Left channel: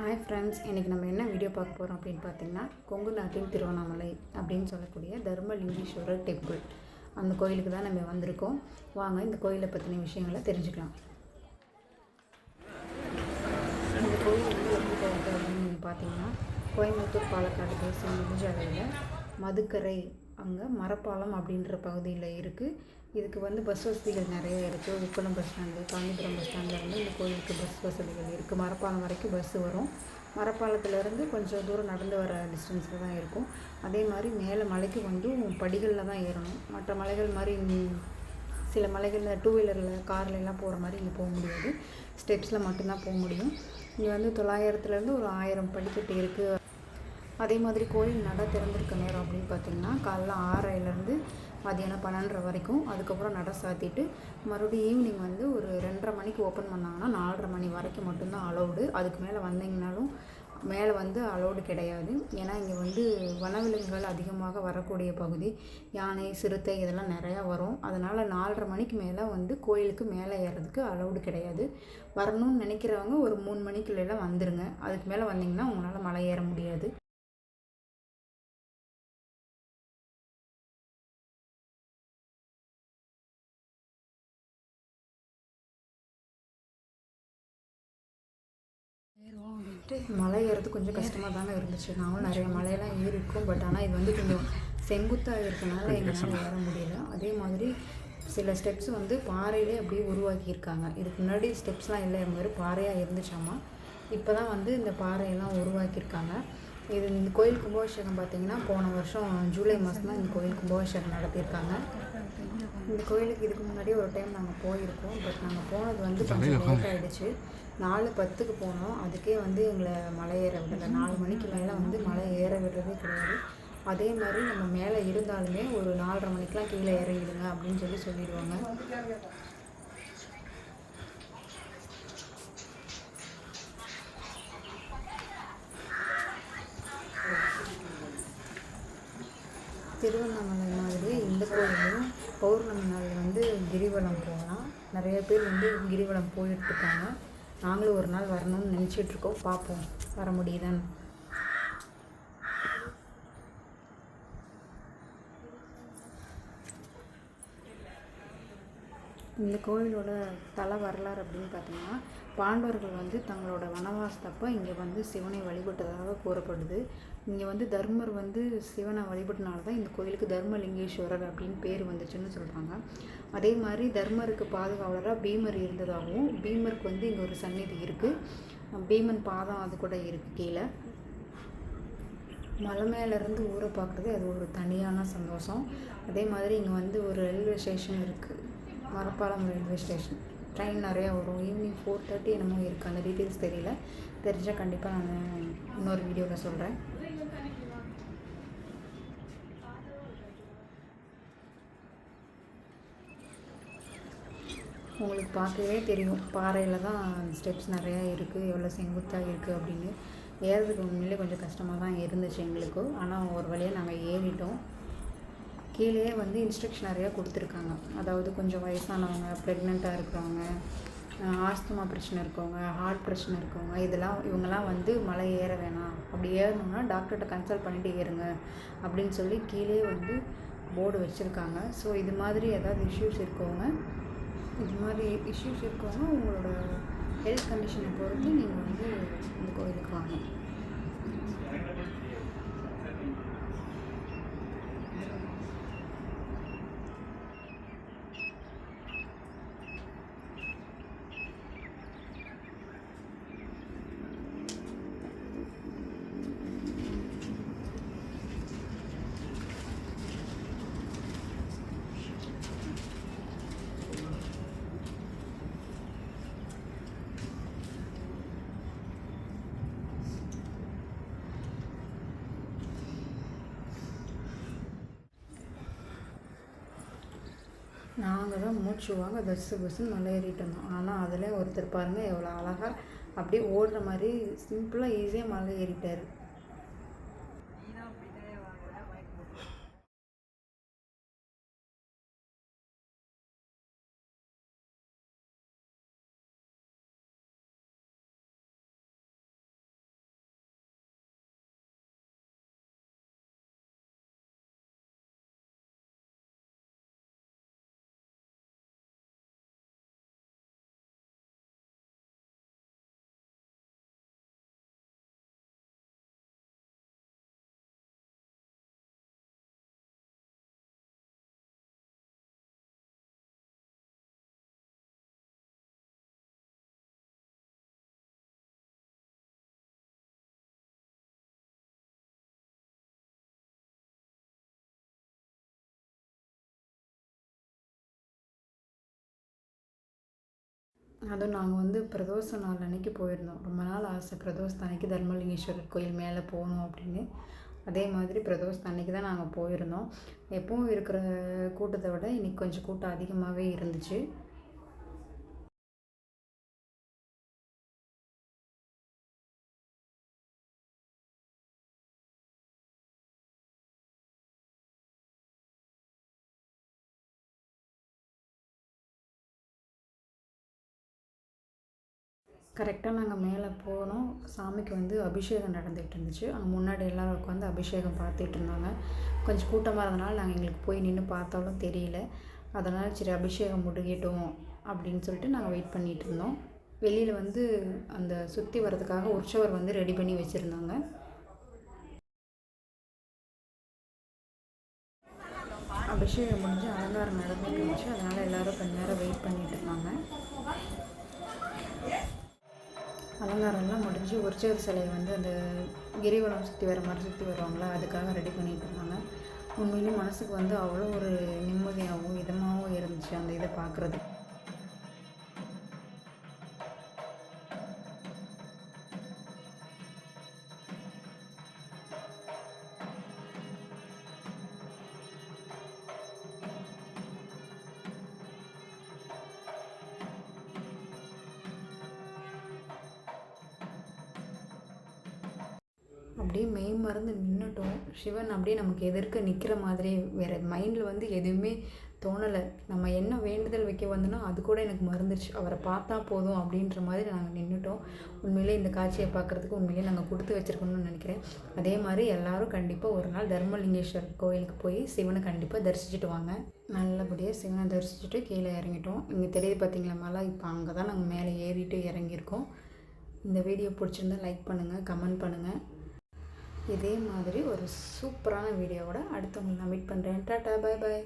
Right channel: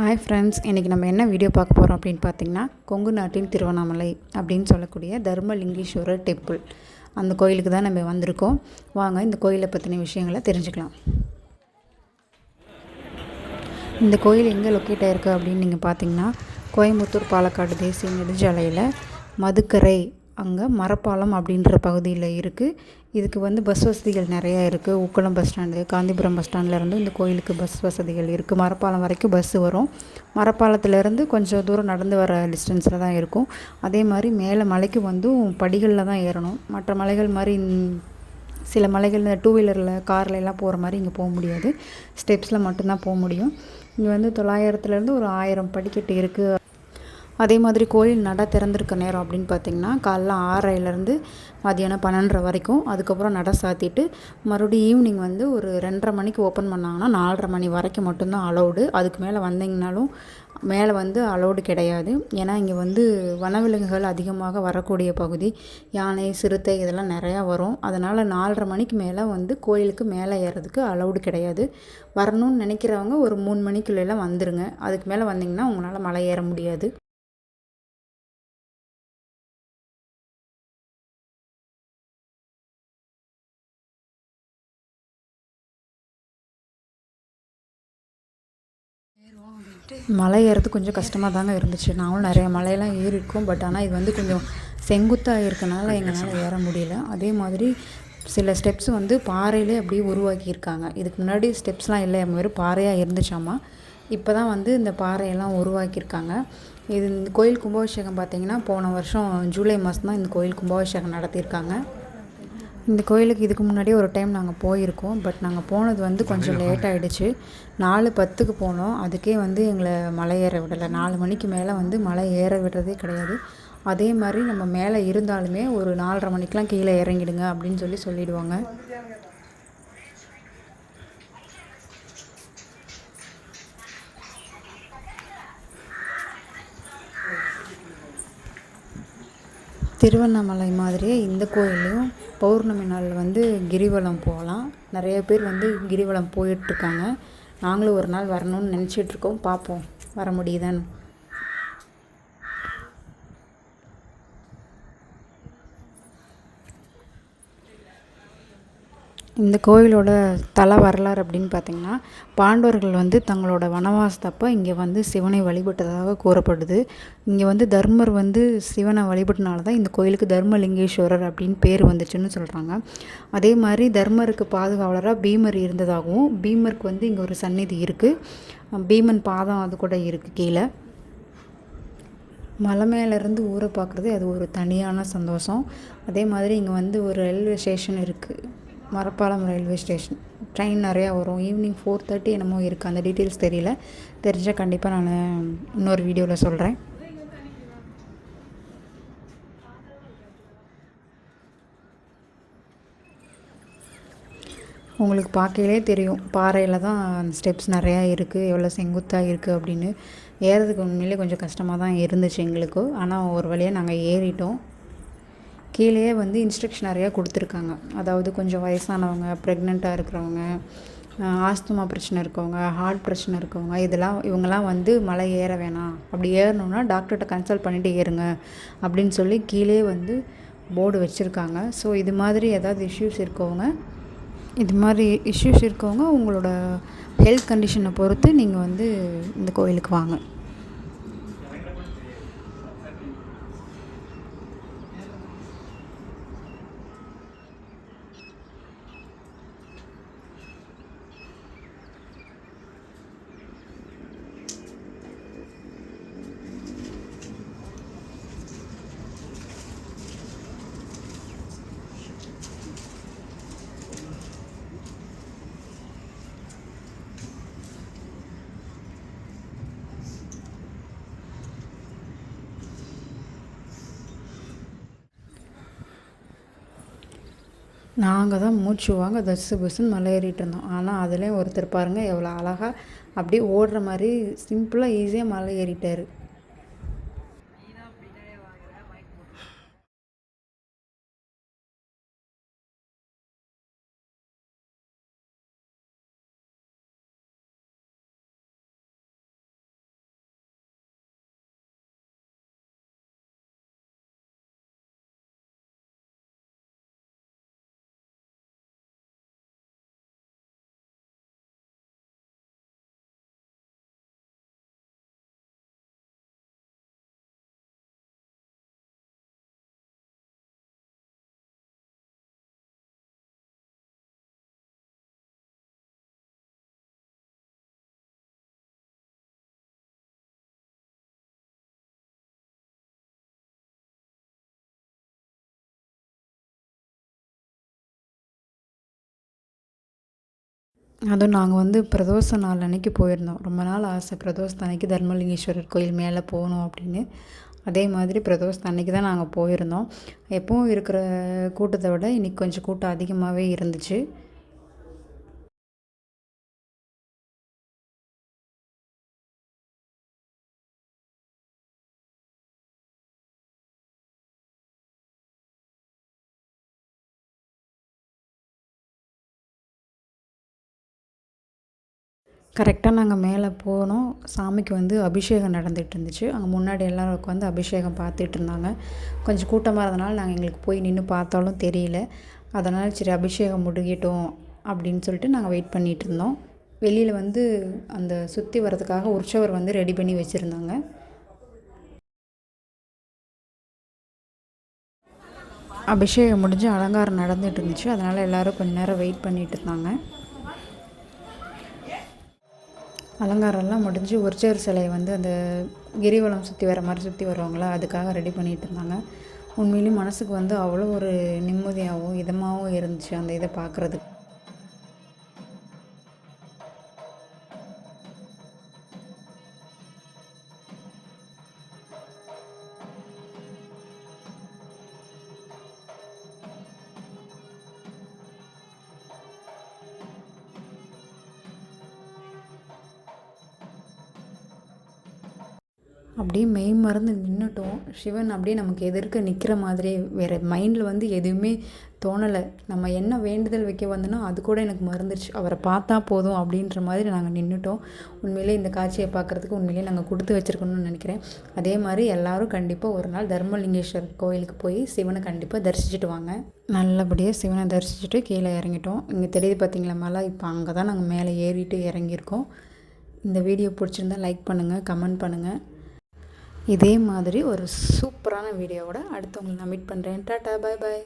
Hi friends, இன்றைக்கி நம்ம என்ன வீடியோ பார்க்க போகிறோம் அப்படின்னு பார்த்தீங்கன்னா, கொங்கு நாட்டின் திருவண்ணாமலை அப்படின்னு சொல்லக்கூடிய தர்மலிங்கேஸ்வரர் டெம்பிள். அந்த கோயிலுக்கு தான் நம்ம வந்திருக்கோம். வாங்க இந்த கோயிலை பற்றின விஷயங்களை தெரிஞ்சுக்கலாம். இந்த கோயில் எங்கே லொக்கேட் ஆகிருக்கு அப்படின்னு நீங்கள் பார்த்தீங்கன்னா, கோயம்புத்தூர் பாலக்காடு தேசிய நெடுஞ்சாலையில் மதுக்கரை அங்கே மரப்பாலம் அப்படின்ற பகுதியில் இருக்குது. இதுக்கு பஸ் வசதிகள் நிறையா இருக்குது. Ukkadam bus stand, Gandhipuram bus ஸ்டாண்ட்லேருந்து இந்த கோயிலுக்கு பஸ் வசதிகள் இருக்குது. மரப்பாலம் வரைக்கும் பஸ்ஸு வரும். மரப்பாலத்துலேருந்து கொஞ்சம் தூரம் நடந்து வர டிஸ்டன்ஸில் தான் இருக்கும். அதே மாதிரி மேலே மலைக்கு படிகளில் தான் ஏறணும். மற்ற மலைகள் மாதிரி சில மலைகள் டூ வீலரில் காரில் எல்லாம் போகிற மாதிரி இங்கே போக முடியாது. ஸ்டெப்ஸில் மட்டும்தான் போக முடியும். இங்கே 900லேருந்து ஒரு 1000 படிக்கட்டு இருக்குது. அதே மாதிரி கோயில் நட திறந்திருக்க நேரம் அப்படின்னு பார்த்திங்கன்னா, காலைல 6:30லேருந்து மதியானம் 12:30 வரைக்கும். அதுக்கப்புறம் நட சாத்திட்டு மறுபடியும் ஈவினிங் ஒரு 2:30 மணிக்கு ஓப்பன் பண்ணாங்கன்னா 4:30 மணி வரைக்கும் மட்டும்தான் அலௌடு. அதுக்கு மேலே வந்தீங்கனாலும் மேலே அலௌடு கிடையாது. ஏன்னா இங்கே வனவிலங்குகள் அதிகமாக வரக்கூடிய பகுதி. யானை, சிறுத்தை இதெல்லாம் நிறையா வரும். அதனால் 4:30 மணிக்கு மேலே கோயிலுக்கு மேலே ஏறதுக்கு அலௌடு கிடையாது. வரணும்னு நினைக்கிறவங்க ஒரு 3 மணிக்குள்ளெல்லாம் வந்துடுங்க. அதுக்கு மேலே வந்தீங்கன்னா உங்களால் மலை ஏற முடியாது. மலை ஏறது கொஞ்சம் கஷ்டமாக தாங்க இருந்துச்சு. நாங்களும் நிறைய மலையெல்லாம் ஏறியிருக்கோம். பட் ஆனால் இது கொஞ்சம் செங்குத்தாக இருக்கனால எங்களால் ஏற முடியல. அதே மாதிரி சில ஸ்டெப்ஸ் பாறையிலே அப்படியே உருவாக்கியிருக்காங்க. இதுக்கு முன்னாடி ஸ்டெப்ஸ்லாம் இல்லை, வெறும் பாறையாக இருந்துச்சாமா. இப்போ தான் இந்த பாறையெல்லாம் உருவாக்கியிருக்காங்க. இந்த கோயில் கும்பாபிஷேகம் பார்த்திங்கன்னா போன வருஷம் ஜூலை மாதம் தான் இந்த கோயில் கும்பாபிஷேகம் நடத்தியிருக்காங்க. இந்த கோயிலுக்கு இதுக்கு முன்னாடியே ஒரு டைம் நாங்கள் போயிருக்கோம். பட் நாங்கள் போனது கொஞ்சம் லேட் ஆகிடுச்சு. 4:10க்கு போனோம். அதுக்கே எங்களை மலை ஏற விடலை. 4 மணிக்கு மேலே மலை ஏற விடுறதே கிடையாது. அதே மாதிரி நம்ம மேலே இருந்தாலுமே ஒரு 4:30 மணிக்கெலாம் கீழே இறங்கிடுங்க அப்படின்னு சொல்லிடுவாங்க. திருவண்ணாமலை மாதிரியே இந்த கோயிலையும் பௌர்ணமி நாள் கிரிவலம் போகலாம். நிறைய பேர் கிரிவலம் போயிட்டுருக்காங்க. நாங்களும் ஒரு நாள் வரணும்னு நினச்சிட்ருக்கோம். பார்ப்போம் வர முடியுதான்னு. இந்த கோயிலோட தல வரலாறு அப்படின்னு பார்த்திங்கன்னா, பாண்டவர்கள் தங்களோட வனவாசத்தப்போ இங்கே சிவனை வழிபட்டதாக கூறப்படுது. இங்கே தர்மர் சிவனை வழிபட்டனால தான் இந்த கோயிலுக்கு தர்மலிங்கேஸ்வரர் அப்படின்னு பேர் வந்துச்சுன்னு சொல்கிறாங்க. அதே மாதிரி தர்மருக்கு பாதுகாவலராக பீமர் இருந்ததாகவும், பீமருக்கு இங்கே ஒரு சந்நிதி இருக்குது. பீமன் பாதம் அது கூட இருக்குது கீழே. மலை மேலேருந்து ஊரை பார்க்குறது அது ஒரு தனியான சந்தோஷம். அதே மாதிரி இங்கே ஒரு ரயில்வே ஸ்டேஷன் இருக்குது. மரப்பாலம் ரயில்வே ஸ்டேஷன். ட்ரெயின் நிறையா வரும். ஈவினிங் 4:30 என்னமோ இருக்குது. அந்த டீட்டெயில்ஸ் தெரியல. தெரிஞ்சால் கண்டிப்பாக நான் இன்னொரு வீடியோவில் சொல்கிறேன். உங்களுக்கு பார்க்கவே தெரியும், பாறையில் தான் ஸ்டெப்ஸ் நிறையா இருக்குது, எவ்வளோ செங்குத்தாக இருக்குது அப்படின்னு. ஏறதுக்கு உண்மையிலே கொஞ்சம் கஷ்டமாக தான் இருந்துச்சு எங்களுக்கு. ஆனால் ஒரு வழியாக நாங்கள் ஏறிட்டோம். கீழேயே இன்ஸ்ட்ரக்ஷன் நிறையா கொடுத்துருக்காங்க. அதாவது கொஞ்சம் வயசானவங்க, ப்ரெக்னெண்ட்டாக இருக்கிறவங்க, ஆஸ்துமா பிரச்சனை இருக்கவங்க, ஹார்ட் பிரச்சனை இருக்கவங்க, இவங்கெல்லாம் மலை ஏற வேணாம். அப்படி ஏறணுன்னா டாக்டர்கிட்ட கன்சல்ட் பண்ணிவிட்டு ஏறுங்க அப்படின்னு கீழே போர்டு வச்சுருக்காங்க. ஸோ இது மாதிரி ஏதாவது இஷ்யூஸ் இருக்கவங்க உங்களோட ஹெல்த் கண்டிஷனை பொறுத்து நீங்கள் இந்த கோயிலுக்கு வாங்க. நாங்கள் தான் மூச்சு வாங்க தஸ்ஸு பஸ்ஸுன்னு மலை ஏறிட்டு இருந்தோம். ஆனால் அதில் ஒருத்தர் பாருங்கள் எவ்வளோ அழகாக அப்படியே ஓடுற மாதிரி சிம்பிளாக ஈஸியாக மலை ஏறிட்டார். அதுவும் நாங்கள் வந்து பிரதோஷ நாள் அன்னைக்கு போயிருந்தோம். ரொம்ப நாள் ஆசை பிரதோஷத்து அன்னைக்கு தர்மலிங்கேஸ்வரர் கோயில் மேலே போகணும் அப்படின்னு. அதே மாதிரி பிரதோஷத்து அன்னைக்கு தான் நாங்கள் போயிருந்தோம். எப்பவும் இருக்கிற கூட்டத்தை விட இன்றைக்கி கொஞ்சம் கூட்டம் அதிகமாகவே இருந்துச்சு. கரெக்டாக நாங்கள் மேலே போனோம். சாமிக்கு வந்து அபிஷேகம் நடந்துகிட்டு இருந்துச்சு. அங்கே முன்னாடி எல்லோரும் உட்காந்து அபிஷேகம் பார்த்துட்டு இருந்தாங்க. கொஞ்சம் கூட்டமாக இருந்தனால நாங்கள் எங்களுக்கு போய் நின்று பார்த்தாலும் தெரியல. அதனால் சரி அபிஷேகம் முடியட்டும் அப்படின்னு சொல்லிட்டு நாங்கள் வெயிட் பண்ணிகிட்டு இருந்தோம். வெளியில் வந்து அந்த சுற்றி வர்றதுக்காக உற்சவர் வந்து ரெடி பண்ணி வச்சுருந்தாங்க. அபிஷேகம் முடிஞ்சு அலங்காரம் நடந்துகிட்டு இருந்துச்சு. அதனால் எல்லோரும் கொஞ்ச நேரம் வெயிட் பண்ணிகிட்டு இருந்தாங்க. அலங்காரம்லாம் முடிஞ்சு உற்சவர் சிலையை வந்து அந்த கிரிவலம் சுற்றி வர மாதிரி சுற்றி வருவாங்களா, அதுக்காக ரெடி பண்ணிகிட்டு இருந்தாங்க. உண்மையிலேயும் மனதுக்கு வந்து அவ்வளோ ஒரு நிம்மதியாகவும் இதமாகவும் இருந்துச்சு அந்த இதை பார்க்குறதுக்கு. அப்படியே மெய் மறந்து நின்றுட்டோம். சிவன் அப்படியே நமக்கு எதிர்க்க நிற்கிற மாதிரியே, வேறு மைண்டில் வந்து எதுவுமே தோணலை. நம்ம என்ன வேண்டுதல் வைக்க வந்தோன்னா அது கூட எனக்கு மறந்துடுச்சு. அவரை பார்த்தா போதும் அப்படின்ற மாதிரி நாங்கள் நின்றுட்டோம். உண்மையிலே இந்த காட்சியை பார்க்குறதுக்கு உண்மையிலே நாங்கள் கொடுத்து வச்சுருக்கணும்னு நினைக்கிறேன். அதே மாதிரி எல்லோரும் கண்டிப்பாக ஒரு நாள் தர்மலிங்கேஸ்வரர் கோயிலுக்கு போய் சிவனை கண்டிப்பாக தரிசிச்சுட்டு வாங்க. நல்லபடியாக சிவனை தரிசிச்சுட்டு கீழே இறங்கிட்டோம். இங்கே தெரியுது பார்த்திங்களா மலை, இப்போ அங்கே தான் நாங்கள் மேலே ஏறிட்டு இறங்கியிருக்கோம். இந்த வீடியோ பிடிச்சிருந்தால் லைக் பண்ணுங்கள், கமெண்ட் பண்ணுங்கள். இதே மாதிரி ஒரு சூப்பரான வீடியோவோட அடுத்து உங்களை நான் மீட் பண்ணுறேன். டாட்டா, பாய் பாய்.